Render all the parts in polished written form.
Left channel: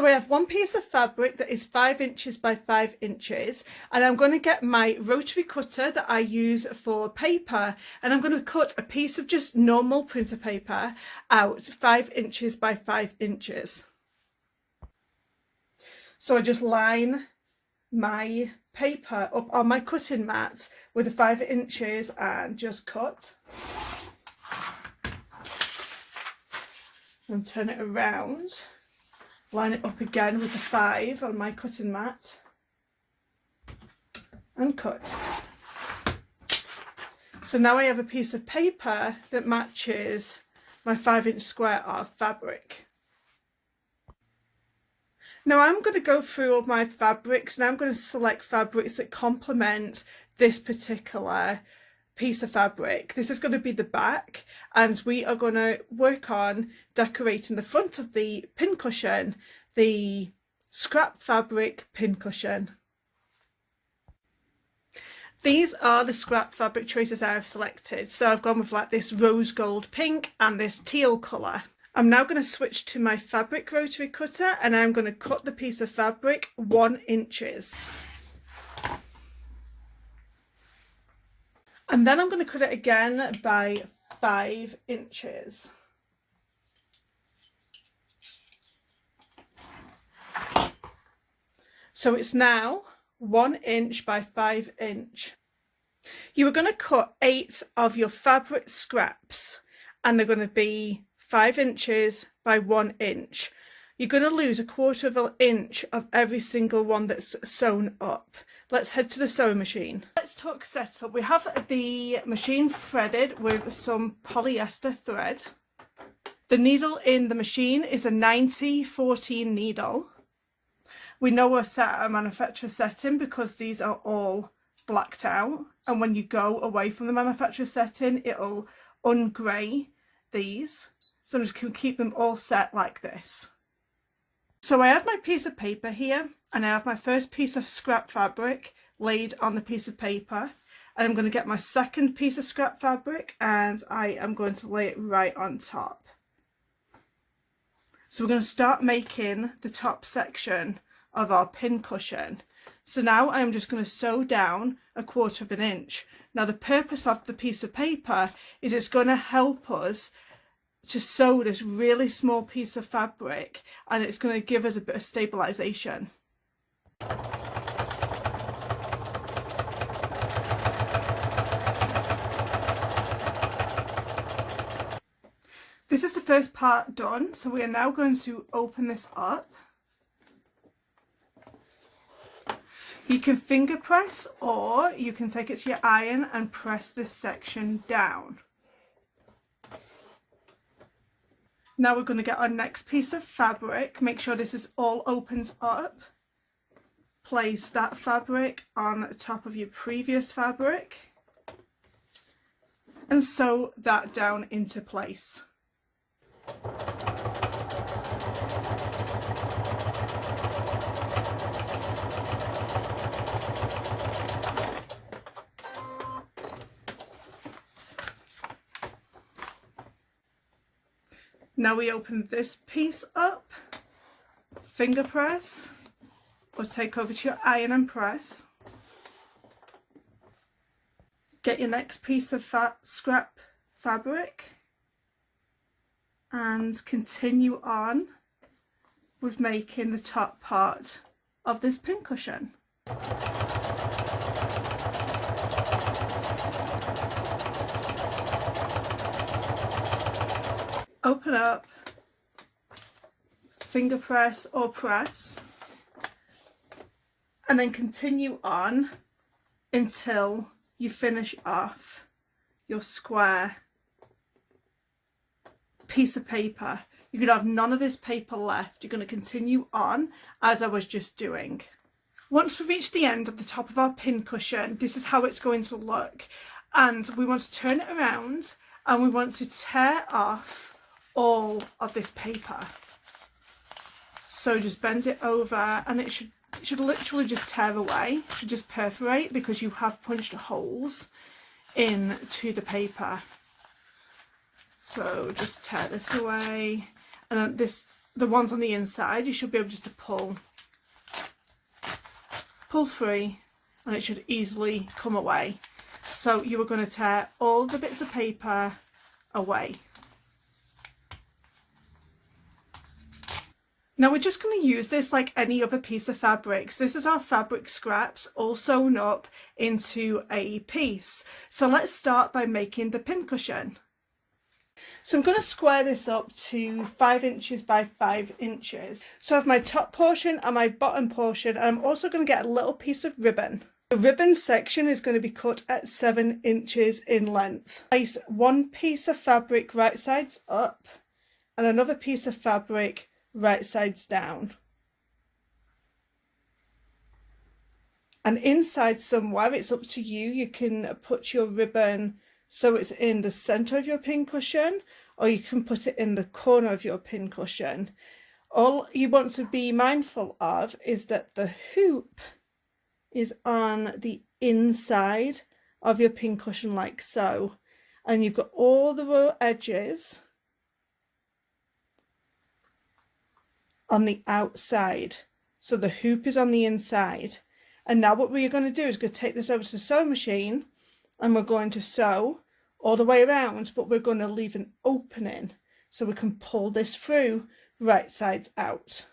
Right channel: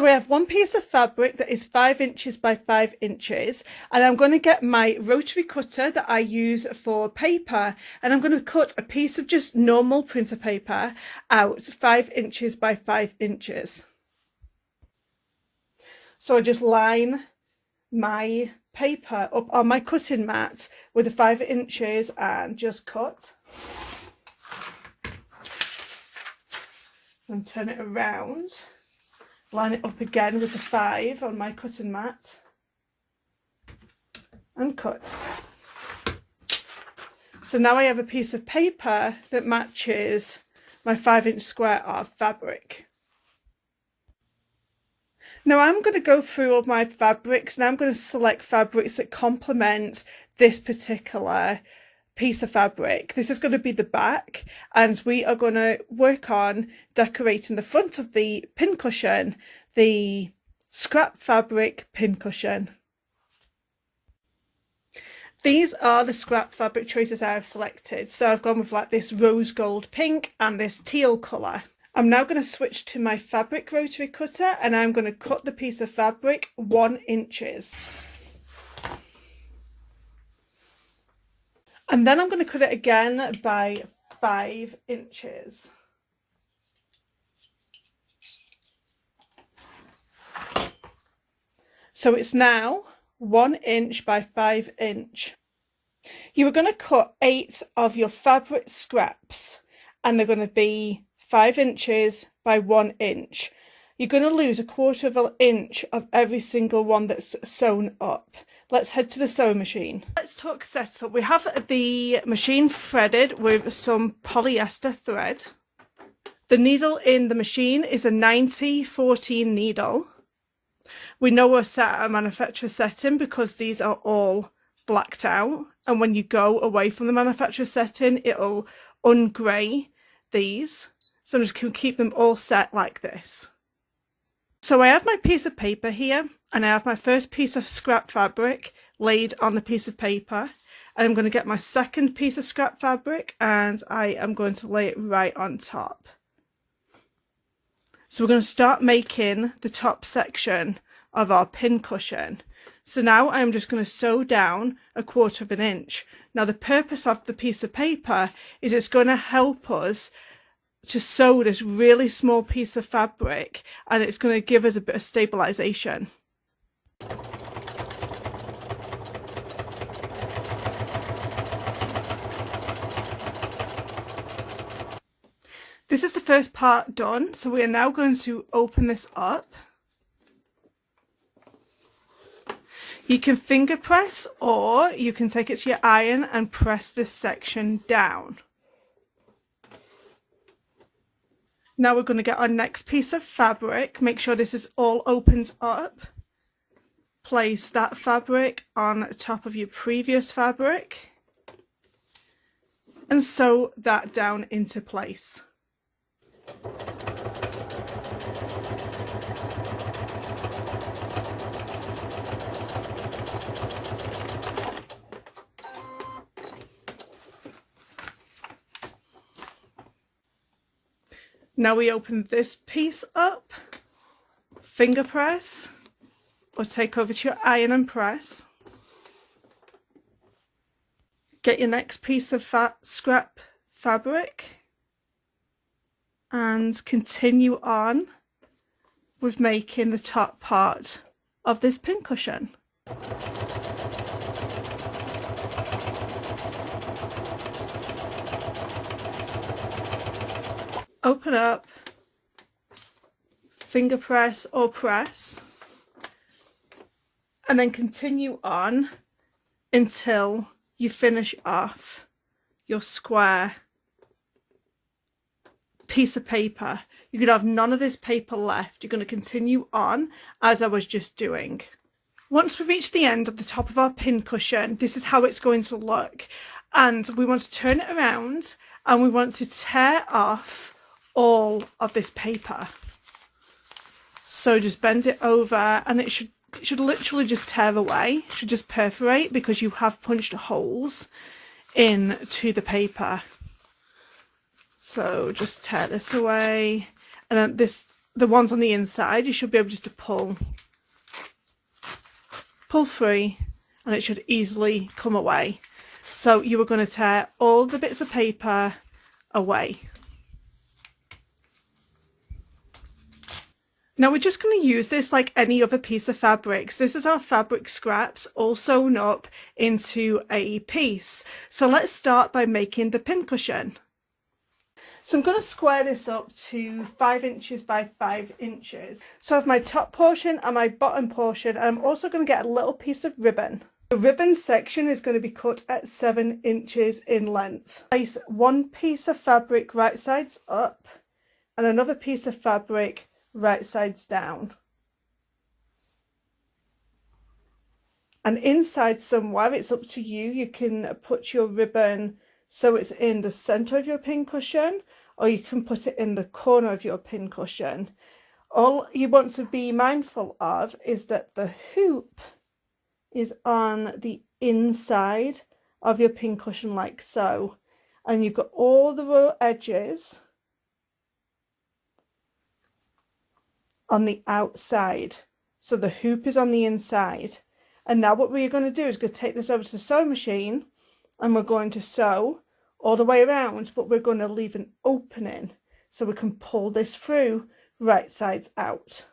We have one piece of fabric that is 5 inches by 5 inches, and I'm going to get my rotary cutter that I use for paper, and I'm going to cut a piece of just normal printer paper out 5 inches by 5 inches. So I just line my paper up on my cutting mat with the 5 inches and just cut and turn it around. Line it up again with the 5 on my cutting mat and cut. So now I have a piece of paper that matches my 5-inch square of fabric. Now I'm going to go through all my fabrics and I'm going to select fabrics that complement this particular piece of fabric. This is going to be the back, and we are going to work on decorating the front of the pincushion, the scrap fabric pincushion. These are the scrap fabric choices I've selected. So I've gone with like this rose gold pink and this teal colour. I'm now going to switch to my fabric rotary cutter and I'm going to cut the piece of fabric 1 inches. And then I'm going to cut it again by 5 inches. So it's now 1 inch by 5 inch. You are going to cut 8 of your fabric scraps and they're going to be 5 inches by 1 inch. You're going to lose 1/4 of an inch of every single one that's sewn up. Let's head to the sewing machine. Let's talk setup. We have the machine threaded with some polyester thread. The needle in the machine is a 90-14 needle. We know we're set at a manufacturer setting because these are all blacked out, and when you go away from the manufacturer setting it'll ungrey these. So I'm just going to keep them all set like this. So I have my piece of paper here and I have my first piece of scrap fabric laid on the piece of paper, and I'm going to get my second piece of scrap fabric and I am going to lay it right on top. So we're going to start making the top section of our pincushion. So now I'm just going to sew down 1/4 of an inch. Now the purpose of the piece of paper is it's going to help us to sew this really small piece of fabric, and it's going to give us a bit of stabilization. This is the first part done, so we are now going to open this up. You can finger press or you can take it to your iron and press this section down. Now we're going to get our next piece of fabric. Make sure this is all opened up. Place that fabric on top of your previous fabric and sew that down into place. Now we open this piece up, finger press, or take over to your iron and press. Get your next piece of scrap fabric and continue on with making the top part of this pincushion. Open up, finger press or press, and then continue on until you finish off your square piece of paper. You could have none of this paper left. You're going to continue on as I was just doing. Once we've reached the end of the top of our pincushion, this is how it's going to look. And we want to turn it around and we want to tear off all of this paper. So just bend it over and it should literally just tear away. It should just perforate because you have punched holes into the paper. So just tear this away, and then this the ones on the inside, you should be able just to pull free, and it should easily come away. So you are going to tear all the bits of paper away. Now we're just going to use this like any other piece of fabrics. This is our fabric scraps all sewn up into a piece. So let's start by making the pincushion. So I'm going to square this up to 5 inches by 5 inches. So I have my top portion and my bottom portion, and I'm also going to get a little piece of ribbon. The ribbon section is going to be cut at 7 inches in length. Place one piece of fabric right sides up and another piece of fabric right sides down, and inside somewhere, it's up to you, you can put your ribbon so it's in the center of your pincushion, or you can put it in the corner of your pincushion. All you want to be mindful of is that the hoop is on the inside of your pincushion like so, and you've got all the raw edges on the outside, so the hoop is on the inside. And now what we're going to do is we're going to take this over to the sewing machine, and we're going to sew all the way around, but we're going to leave an opening so we can pull this through right sides out.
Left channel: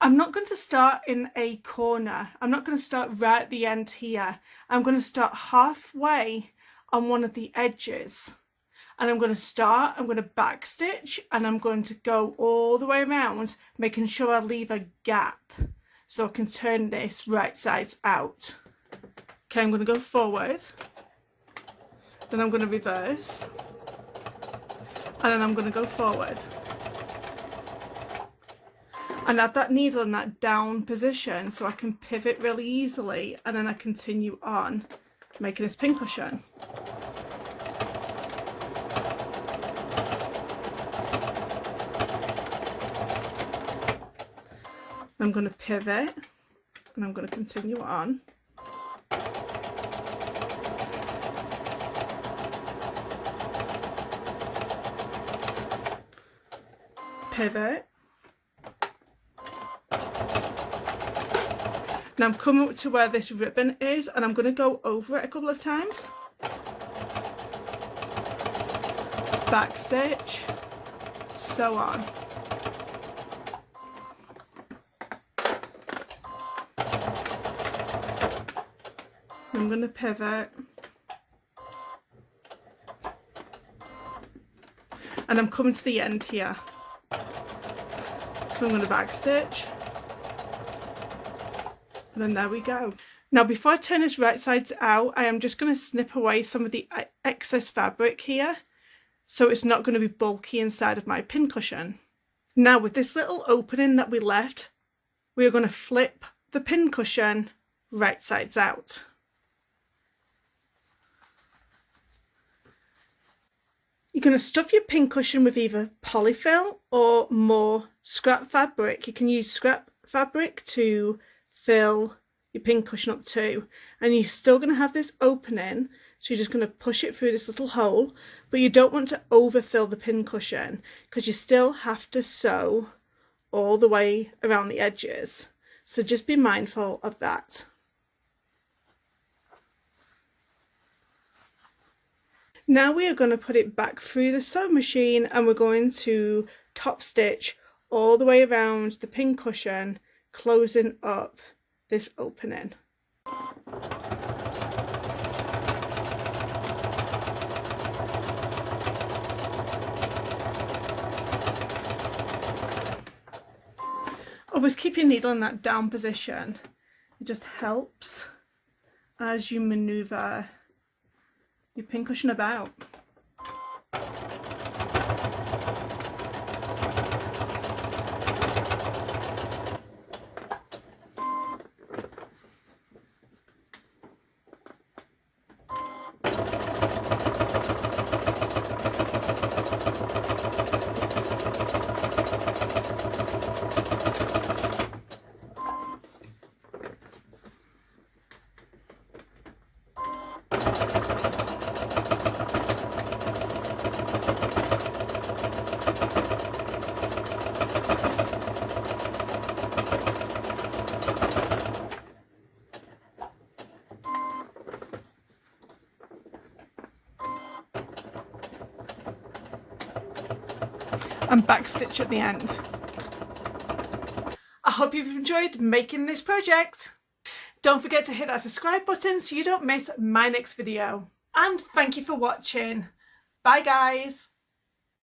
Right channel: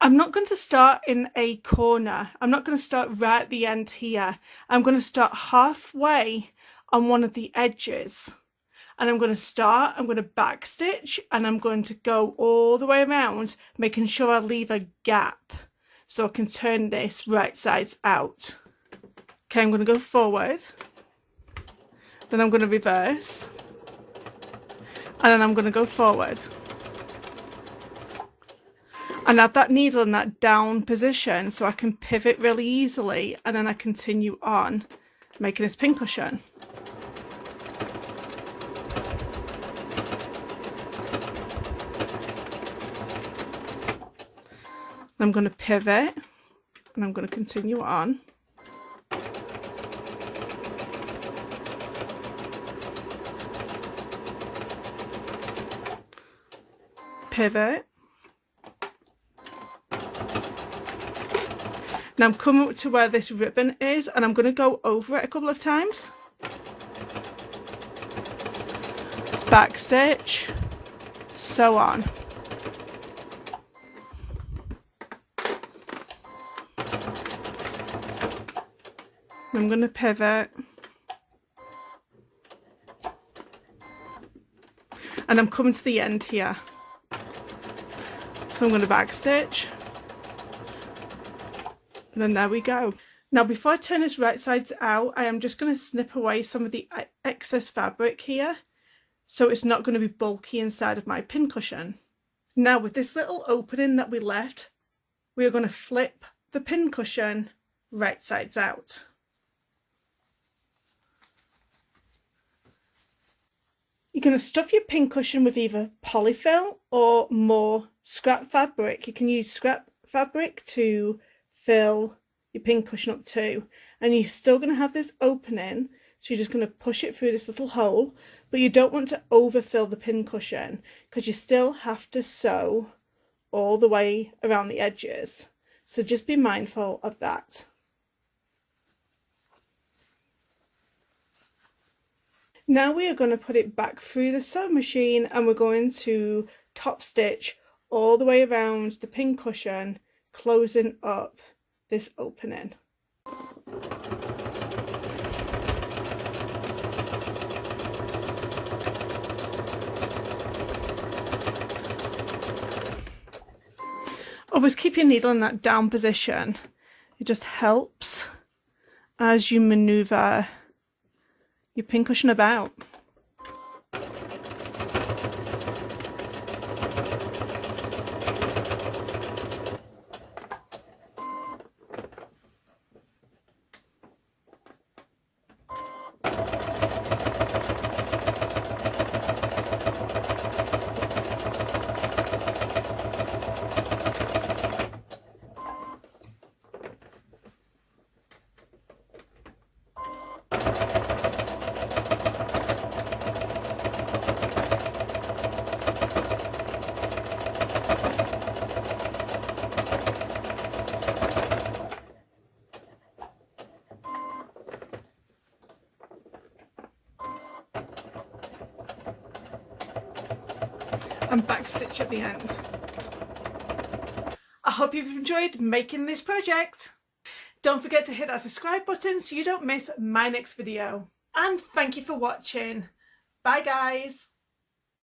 I'm not going to start in a corner. I'm not going to start right at the end here. I'm going to start halfway on one of the edges. And I'm going to back stitch, and I'm going to go all the way around, making sure I leave a gap so I can turn this right sides out. Okay, I'm going to go forward, then I'm going to reverse, and then I'm going to go forward. And have that needle in that down position so I can pivot really easily, and then I continue on making this pincushion. I'm going to pivot, and I'm going to continue on. Pivot. Now I'm coming up to where this ribbon is, and I'm going to go over it a couple of times. Back stitch, sew on. I'm going to pivot, and I'm coming to the end here, so I'm going to back stitch, and then there we go. Now before I turn this right sides out, I am just going to snip away some of the excess fabric here, so it's not going to be bulky inside of my pincushion. Now with this little opening that we left, we are going to flip the pincushion right sides out. You're going to stuff your pincushion with either polyfill or more scrap fabric. You can use scrap fabric to fill your pincushion up too. And you're still going to have this opening, so you're just going to push it through this little hole. But you don't want to overfill the pincushion, because you still have to sew all the way around the edges. So just be mindful of that. Now we are going to put it back through the sewing machine, and we're going to top stitch all the way around the pincushion, closing up this opening. Always keep your needle in that down position. It just helps as you maneuver your pincushion about. and backstitch at the end. I hope you've enjoyed making this project. Don't forget to hit that subscribe button so you don't miss my next video. And thank you for watching. Bye guys.